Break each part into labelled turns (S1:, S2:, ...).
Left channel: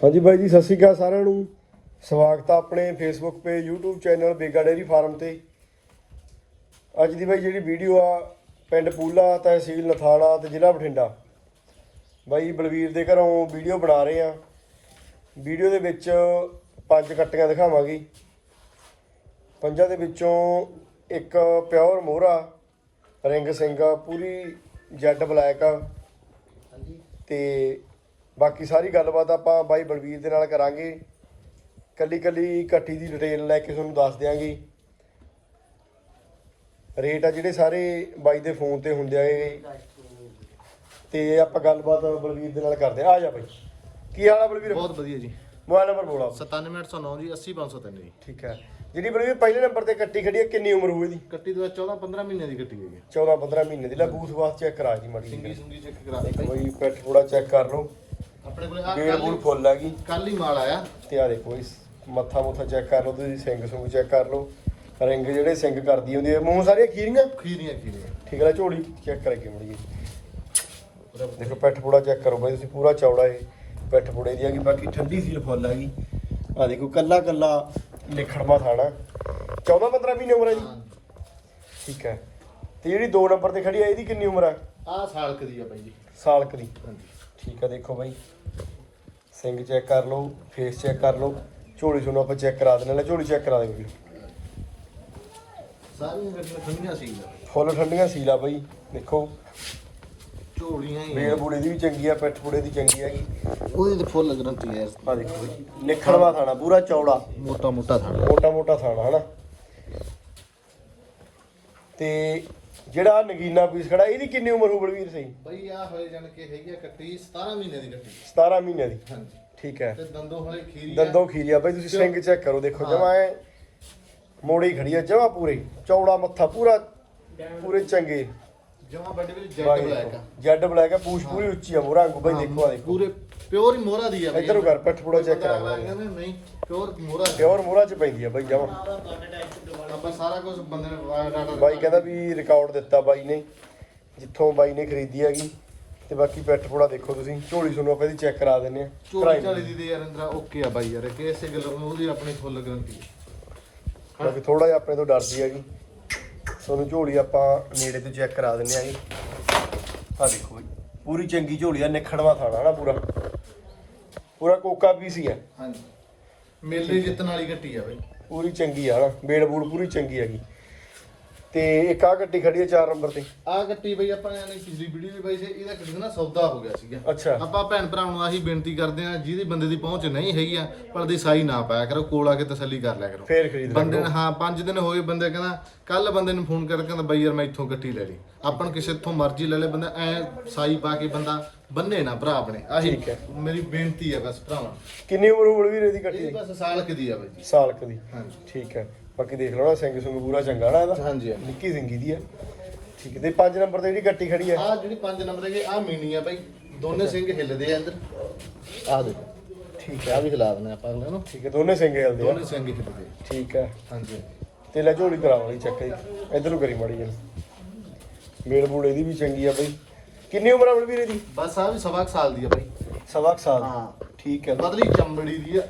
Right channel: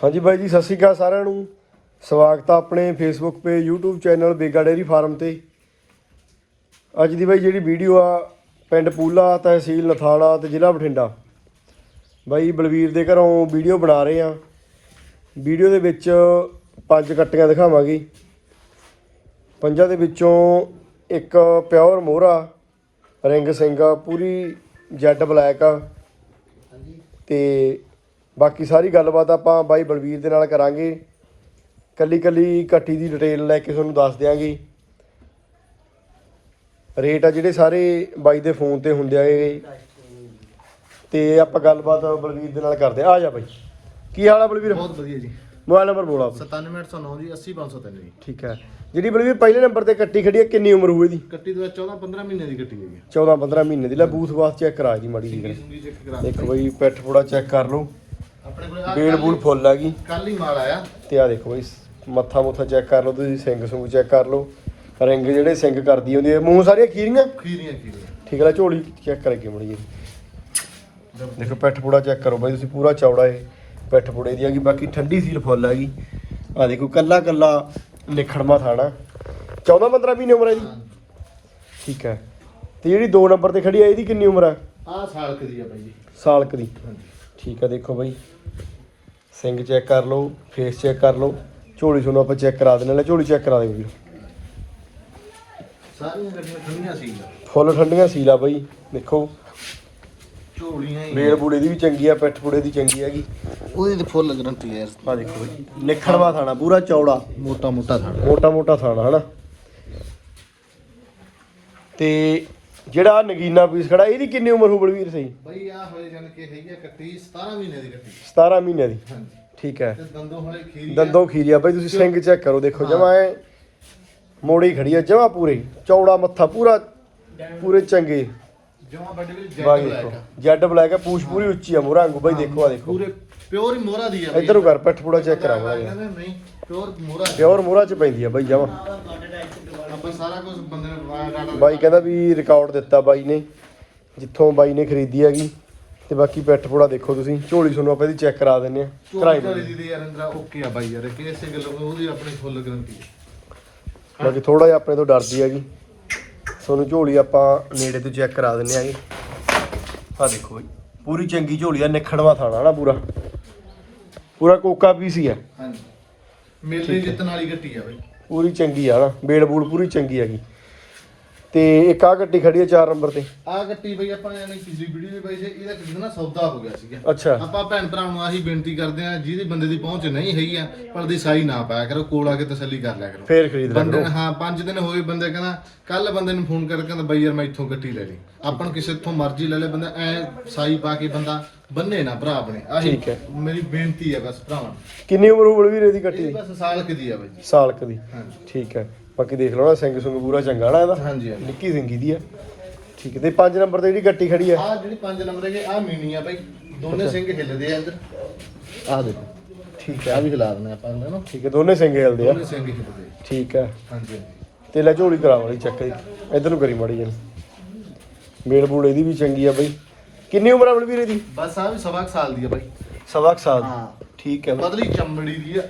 S1: ਹਾਂਜੀ ਬਾਈ ਜੀ ਸਤਿ ਸ਼੍ਰੀ ਅਕਾਲ ਸਾਰਿਆਂ ਨੂੰ। ਸਵਾਗਤ ਆ ਆਪਣੇ Facebook page YouTube channel Bega dairy farm ਤੇ। ਅੱਜ ਦੀ ਬਾਈ ਜਿਹੜੀ ਵੀਡੀਓ ਆ ਪਿੰਡ ਪੂਲਾ ਤਹਿਸੀਲ ਨਥਾਣਾ ਤੇ ਜ਼ਿਲ੍ਹਾ ਬਠਿੰਡਾ। ਬਾਈ ਬਲਵੀਰ ਦੇ ਘਰੋਂ ਵੀਡੀਓ ਬਣਾ ਰਹੇ ਆ। ਵੀਡੀਓ ਦੇ ਵਿੱਚ ਪੰਜ ਕੱਟੀਆਂ ਦਿਖਾਵਾਂਗੇ। ਪੰਜਾਂ ਦੇ ਵਿੱਚੋਂ ਇੱਕ ਪਿਓਰ ਮੋਹਰਾ ਰਿੰਗ ਸਿੰਘਾ ਪੂਰੀ ਜੈਡ ਬਲੈਕ ਆ। ਤੇ ਬਾਕੀ ਸਾਰੀ ਗੱਲਬਾਤ ਆਪਾਂ ਬਾਈ ਬਲਵੀਰ ਦੇ ਨਾਲ ਕਰਾਂਗੇ। ਕੱਲੀ ਕੱਲੀ ਕੱਟੀ ਦੀ ਡਿਟੇਲ ਲੈ ਕੇ ਤੁਹਾਨੂੰ ਦੱਸ ਦਿਆਂਗੇ। ਰੇਟ ਆ ਜਿਹੜੇ ਸਾਰੇ ਬਾਈ ਦੇ ਫੋਨ ਤੇ ਹੁੰਦੇ ਆ ਇਹ। ਤੇ ਆਪਾਂ ਗੱਲਬਾਤ ਬਲਵੀਰ ਦੇ ਨਾਲ ਕਰਦੇ ਆ। ਆ ਜਾ ਬਾਈ। ਕੀ ਹਾਲ ਆ ਬਲਵੀਰ?
S2: ਬਹੁਤ ਵਧੀਆ ਜੀ।
S1: ਮੋਬਾਈਲ ਨੰਬਰ ਬੋਲਾ ਆਪਣਾ।
S2: 97809 ਜੀ 80503 ਜੀ।
S1: ਠੀਕ ਹੈ। ਜਿਹੜੀ ਬਲਵੀਰ ਪਹਿਲੇ ਨੰਬਰ ਤੇ ਕੱਟੀ ਖੜੀ ਆ ਕਿੰਨੀ ਉਮਰ ਹੋਈ ਦੀ
S2: ਕੱਟੀ ਦੇ ਵਿੱਚ 14 15 ਮਹੀਨੇ ਦੀ ਕੱਟੀ ਹੋਈ ਹੈ।
S1: 14 15 ਮਹੀਨੇ ਦੀ। ਲੈ ਬੂਥ ਵਾਸ ਚੈੱਕ ਕਰਾ ਜੀ ਮਾੜੀ ਜੀ ਦੇਖੋ ਬਈ ਪਿੱਠ ਪੂੜਾ ਚੈੱਕ ਕਰ ਲਓ।
S2: ਆਪਣੇ ਕੋਲ
S1: ਫੁੱਲ ਆ ਗਈ।
S2: ਕੱਲ ਹੀ ਮਾਲ ਆਇਆ।
S1: ਤੇ ਆ ਦੇਖੋ ਬਈ ਮੱਥਾ ਮੁੱਥਾ ਚੈੱਕ ਕਰ ਲਓ ਤੁਸੀਂ ਸਿੰਘ ਸੁੰਗ ਚੈੱਕ ਕਰ ਲਓ। ਰਿੰਗ ਜਿਹੜੇ ਸਿੰਘ ਕਰਦੀ ਹੁੰਦੀ ਹੈ ਮੂੰਹ ਸਾਰੀਆਂ ਖੀਰੀਆਂ?
S2: ਖੀਰੀਆਂ ਖੀਰੀਆਂ।
S1: ਠੀਕ ਹੈ ਝੋਲੀ ਚੈੱਕ ਕਰਕੇ ਮੜੀ ਜੀ। ਦੇਖੋ ਪਿੱਠ ਪੂੜਾ ਚੈੱਕ ਕਰੋ ਬਾਈ ਤੁਸੀਂ ਪੂਰਾ ਚੌੜਾ ਏ ਪਿੱਠ ਪੂੜੇ ਦੀ ਹੈਗੀ ਬਾਕੀ ਠੰਡੀ ਸੀਲ ਫੁੱਲ ਹੈਗੀ ਆ ਦੇਖੋ ਕੱਲਾ ਕੱਲਾ ਨਿਖੜਮਾ ਥਾਣਾ। 14 15 ਮਹੀਨੇ ਉਮਰ ਹੈ ਜੀ। ਠੀਕ ਹੈ ਤੇ ਜਿਹੜੀ 2 ਨੰਬਰ ਤੇ ਖੜੀ ਹੈ ਇਹਦੀ ਕਿੰਨੀ ਉਮਰ ਹੈ
S2: ਆਹ ਸਾਲ ਕੁ ਦੀ ਆ ਬਾਈ ਜੀ।
S1: ਸਾਲਕ ਦੀ।
S2: ਹਾਂਜੀ।
S1: ਠੀਕ ਹੈ ਦੇਖੋ ਬਾਈ। ਸਿੰਘ ਚੈੱਕ ਕਰ ਲਓ ਫੇਸ ਚੈੱਕ ਕਰ ਲਓ। ਝੋਲੀ ਤੁਹਾਨੂੰ ਆਪਾਂ ਚੈੱਕ ਕਰਾ ਦਿੰਦੇ ਲੈ ਝੋਲੀ ਚੈੱਕ ਕਰਾ ਦੇਵਾਂਗੇ
S2: ਸਾਰੀਆਂ ਗੱਡੀਆਂ ਠੰਡੀਆਂ ਸੀ
S1: ਫੁੱਲ ਠੰਡੀਆਂ ਸੀਲਾ ਬਾਈ ਦੇਖੋ।
S2: ਝੋਲੀਆਂ ਹੀ
S1: ਰੇਲ ਬੂੜੇ ਦੀ ਵੀ ਚੰਗੀ ਆ ਪਿੱਠ ਪੂੜੇ ਦੀ ਚੰਗੀ ਹੈਗੀ।
S2: ਉਹਦੀ ਤੇ ਫੁੱਲ ਗਰੰਟੀ ਯਾਰ।
S1: ਆ ਦੇਖੋ ਬਾਈ ਨਿਖੜਵਾ ਥਾਣਾ ਪੂਰਾ ਚੌੜਾ।
S2: ਮੋਟਾ ਮੋਟਾ ਥਾਂ
S1: ਮੋਟਾ ਮੋਟਾ ਥਾਣਾ ਹਨਾ? ਤੇ ਜਿਹੜਾ ਨਗੀਨਾ ਪੀਸ ਖੜਾ ਇਹਦੀ ਕਿੰਨੀ ਉਮਰ ਹੋ ਬਲਵੀਰ ਸਹੀ
S2: ਬਾਈ ਆ ਹੋਏ ਜਾਨ ਕੇ ਹੈਗੀ ਆ ਕੱਟੀ 17 ਮਹੀਨੇ ਦੀ ਕੱਟੀ
S1: 17 ਮਹੀਨਿਆਂ ਦੀ?
S2: ਹਾਂਜੀ।
S1: ਠੀਕ ਹੈ।
S2: ਤੇ ਦੰਦੋਂ ਹੋਏ ਖੀਰੀ
S1: ਦੰਦੋਂ ਖੀਰੀਆ ਬਾਈ ਤੁਸੀਂ ਸਿੰਘ ਚੈੱਕ ਕਰੋ ਦੇਖੋ ਜਮਾ ਐ ਮੋੜੀ ਖੜੀ ਆ ਜਮਾ ਪੂਰੇ। ਚੌੜਾ ਮੱਥਾ ਪੂਰਾ ਪੂਰੇ ਚੰਗੇ।
S2: ਜਮਾ ਵੱਡੇ ਵੀ ਜੈਟ
S1: ਬਾਈ
S2: ਬਲੈਕ
S1: ਦੇਖੋ
S2: ਆ।
S1: ਜੈਡ ਬਲੈਕ ਆ ਪੂਛ ਪੂਰੀ ਉੱਚੀ ਆ ਮੋਰਾ ਬਾਈ ਦੇਖੋ ਆ ਦੇਖੋ।
S2: ਪੂਰੇ ਪਿਓਰ ਹੀ ਮੋਹਰਾ ਦੀ ਆ ਬਾਈ।
S1: ਇੱਧਰੋਂ ਕਰ ਪਿੱਠ ਪੂੜਾ ਚੈੱਕ ਕਰਾਂਗੇ
S2: ਨਹੀਂ ਪਿਓਰ ਮੋਹਰਾ ਦੀ।
S1: ਪਿਓਰ ਮੋਰਾ ਚ ਪੈਂਦੀ ਆ ਬਾਈ ਜਮਾ।
S2: ਆਪਾਂ ਸਾਰਾ ਕੁਝ ਬੰਦੇ ਨੇ ਵਾਇਆ ਡਾਟਾ
S1: ਬਾਈ ਕਹਿੰਦਾ ਵੀ ਰਿਕਾਰਡ ਦਿੱਤਾ ਬਾਈ ਨੇ ਜਿੱਥੋਂ ਬਾਈ ਨੇ ਖਰੀਦੀ ਹੈਗੀ। ਤੇ ਬਾਕੀ ਪਿੱਠ ਪੂੜਾ ਦੇਖੋ ਤੁਸੀਂ ਝੋਲੀ ਤੁਹਾਨੂੰ ਆਪਾਂ ਇਹਦੀ ਚੈੱਕ ਕਰਾ ਦਿੰਨੇ ਆ। ਕਰਾਈ
S2: ਚੋਰੀ
S1: ਦਿੰਦੇ
S2: ਦੀ ਦੇ ਯਾਰ ਅੰਦਰਾ ਓਕੇ ਆ ਬਾਈ ਯਾਰ ਕਿ ਇਸੇ ਗੱਲ ਨੂੰ ਉਹਦੀ ਆਪਣੀ ਫੁੱਲ ਗਰੰਟੀ
S1: ਆ। ਬਾਕੀ ਥੋੜਾ ਜਿਹਾ ਆਪਣੇ ਤੋਂ ਡਰਦੀ ਹੈਗੀ। ਤੁਹਾਨੂੰ ਝੋਲੀ ਆਪਾਂ ਨੇੜੇ ਤੋਂ ਚੈੱਕ ਕਰਾ ਦਿੰਨੇ ਆਗੇ। ਆ ਦੇਖੋ ਬਾਈ ਪੂਰੀ ਚੰਗੀ ਝੋਲੀ ਆ ਨਿਖੜਵਾ ਥਾਣਾ ਨਾ ਪੂਰਾ। ਪੂਰਾ ਕੋਕਾ ਪੀਸ ਹੀ ਆ।
S2: ਹਾਂਜੀ। ਮੇਲੇ ਜਿੱਤਣ ਵਾਲੀ ਗੱਟੀ ਆ ਬਾਈ।
S1: ਪੂਰੀ ਚੰਗੀ ਆ ਨਾ ਬੇੜ ਬੂੜ ਪੂਰੀ ਚੰਗੀ ਹੈਗੀ। ਤੇ ਇੱਕ ਆ ਗੱਡੀ ਖੜੀ ਆ 4 ਨੰਬਰ ਤੇ।
S2: ਆ ਗੱਟੀ ਬਈ ਆਪਾਂ ਯਾਨੀ ਪਿਛਲੀ ਵੀਡੀਓ ਵਿੱਚ ਬਾਈ ਸੀ ਇਹਦਾ ਕਿਸੇ ਨਾ ਸੌਦਾ ਹੋ ਗਿਆ ਸੀਗਾ।
S1: ਅੱਛਾ।
S2: ਆਪਾਂ ਭੈਣ ਭਰਾਵਾਂ ਨੂੰ ਆਹੀ ਬੇਨਤੀ ਕਰਦੇ ਆ ਜਿਹਦੀ ਬੰਦੇ ਦੀ ਪਹੁੰਚ ਨਹੀਂ ਹੈਗੀ ਆ ਪਰ ਦੀ ਸਾਈ ਨਾ ਪਾਇਆ ਕਰੋ ਕੋਲ ਆ ਕੇ ਤਸੱਲੀ ਕਰ ਲਿਆ ਕਰੋ।
S1: ਫੇਰ ਖਰੀਦ ਲੈ
S2: ਬੰਦੇ ਹਾਂ 5 ਦਿਨ ਹੋਏ ਬੰਦੇ ਕਹਿੰਦਾ ਕੱਲ ਬੰਦੇ ਨੂੰ ਫੋਨ ਕਰਕੇ ਕਹਿੰਦਾ ਬਈ ਯਾਰ ਮੈਂ ਇੱਥੋਂ ਗੱਟੀ ਲੈ ਲਈ। ਆਪਾਂ ਨੂੰ ਕਿਸੇ ਤੋਂ ਮਰਜ਼ੀ ਲੈ ਲੈ ਬੰਦਾ ਐ ਸਾਈ ਪਾ ਕੇ ਬੰਦਾ ਬੰਨੇ ਨਾ ਭਰਾ ਆਪਣੇ ਆਹੀ
S1: ਠੀਕ ਹੈ।
S2: ਮੇਰੀ ਬੇਨਤੀ ਹੈ ਬਸ ਭਰਾਵਾਂ
S1: ਕਿੰਨੀ ਉਮਰ ਹੋ ਬਲਵੀਰ ਇਹਦੀ ਗੱਟੀ ਦੀ?
S2: ਬਸ ਸਾਲ ਕਿ ਦੀ ਆ ਬਾਈ।
S1: ਸਾਲ ਕੁ ਦੀ।
S2: ਹਾਂਜੀ।
S1: ਠੀਕ ਹੈ। ਬਾਕੀ ਦੇਖ ਲਓ ਨਾ ਸਿੰਘ ਸੁੰਗ ਪੂਰਾ ਚੰਗਾ ਨਾ ਇਹਦਾ।
S2: ਹਾਂਜੀ ਹਾਂਜੀ।
S1: ਨਿੱਕੀ ਸਿੰਗੀ ਦੀ ਆ। ਠੀਕ ਹੈ ਤੇ 5 ਨੰਬਰ ਤੇ ਜਿਹੜੀ ਗੱਟੀ ਖੜੀ ਆ।
S2: ਆ ਜਿਹੜੀ 5 ਨੰਬਰ ਹੈਗੇ ਆ ਮੀਨੀ ਆ ਬਾਈ। ਦੋਨੇ ਸਿੰਘ ਹਿੱਲਦੇ ਆ ਅੰਦਰ ਆ ਦੇਖੋ। ਠੀਕ ਆ ਵੀ ਹਿਲਾ ਦਿੰਦੇ ਆਪਾਂ ਇਹਨਾਂ ਨੂੰ?
S1: ਠੀਕ ਹੈ ਦੋਨੇ ਸਿੰਘ ਹਿਲਦੇ ਆ।
S2: ਦੋਨੇ ਸਿੰਘ ਹਿੱਲਦੇ ਆ।
S1: ਠੀਕ ਹੈ।
S2: ਹਾਂਜੀ ਹਾਂਜੀ।
S1: ਤੇ ਲੈ ਝੋਲੀ ਕਰਾ ਵਾਲੀ ਚੱਕ ਇਧਰ ਨੂੰ ਕਰੀ ਮਾੜੀ ਜਨ ਮੇਲ ਬੂਲ ਇਹਦੀ ਵੀ ਚੰਗੀ ਆ ਬਈ। ਕਿੰਨੀ ਉਮਰ ਆ ਬਲਵੀਰ ਇਹਦੀ
S2: ਬਸ ਆ ਵੀ ਸਵਾ ਕੁ ਸਾਲ ਦੀ ਆ ਬਾਈ।
S1: ਸਵਾ ਸਾਲ
S2: ਹਾਂ।
S1: ਠੀਕ ਹੈ ਬਈ।
S2: ਪਤਲੀ ਚਮੜੀ ਦੀ ਆ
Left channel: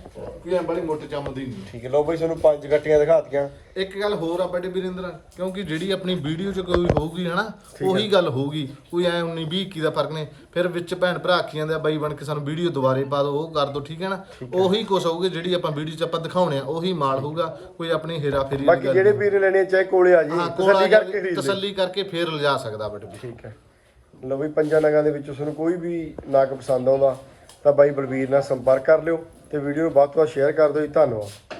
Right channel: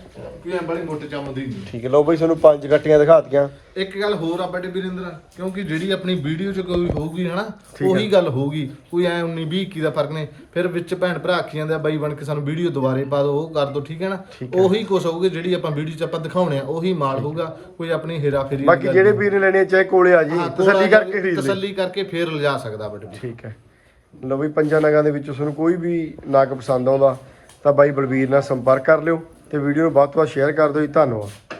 S2: ਕਿ ਐ ਬੜੀ ਮੋਟੇ ਚਮ ਦੀ। ਨਹੀਂ
S1: ਠੀਕ ਹੈ ਲਓ ਬਈ ਤੁਹਾਨੂੰ ਪੰਜ ਗੱਟੀਆਂ ਦਿਖਾਤੀਆਂ।
S2: ਇੱਕ ਗੱਲ ਹੋਰ ਆ ਬੜੇ ਵੀਰਿੰਦਰ ਕਿਉਂਕਿ ਜਿਹੜੀ ਆਪਣੀ ਵੀਡੀਓ 'ਚ ਕੋਈ ਹੋਊਗੀ ਹਨਾ ਉਹੀ ਗੱਲ ਹੋਊਗੀ ਕੋਈ ਐ 19 20 21 ਦਾ ਫ਼ਰਕ ਨਹੀਂ। ਫਿਰ ਵਿੱਚ ਭੈਣ ਭਰਾ ਆਖੀ ਜਾਂਦੇ ਆ ਬਾਈ ਬਣ ਕੇ ਸਾਨੂੰ ਵੀਡੀਓ ਦੁਬਾਰੇ ਪਾ ਦਿਓ ਉਹ ਕਰ ਦਿਓ ਠੀਕ ਹੈ ਨਾ? ਉਹੀ ਕੁਛ ਹੋਊਗੀ ਜਿਹੜੀ ਆਪਾਂ ਵੀਡੀਓ 'ਚ ਆਪਾਂ ਦਿਖਾਉਣੇ ਆ ਉਹੀ ਮਾਲ ਹੋਊਗਾ ਕੋਈ ਆਪਣੀ ਹੇਰਾ ਫੇਰੀ
S1: ਬਾਕੀ ਜਿਹੜੇ ਵੀਰ ਨੇ ਲੈਣੇ ਆ, ਚਾਹੇ ਕੋਲੇ ਆ ਜੀ ਤਸੱਲੀ ਕਰਕੇ ਖਰੀਦ
S2: ਤਸੱਲੀ ਕਰਕੇ ਫੇਰ ਲਿਜਾ ਸਕਦਾ ਵੀਰ
S1: ਠੀਕ ਹੈ। ਲਓ ਬਈ ਪੰਜਾਂ ਨਗਾਂ ਦੇ ਵਿੱਚੋਂ ਤੁਹਾਨੂੰ ਕੋਈ ਵੀ ਨਗ ਪਸੰਦ ਆਉਂਦਾ ਤਾਂ ਬਾਈ ਬਲਬੀਰ ਨਾਲ ਸੰਪਰਕ ਕਰ ਲਿਓ ਤੇ ਵੀਡੀਓ ਨੂੰ ਵੱਧ ਤੋਂ ਵੱਧ ਸ਼ੇਅਰ ਕਰ ਦਿਓ ਜੀ। ਧੰਨਵਾਦ।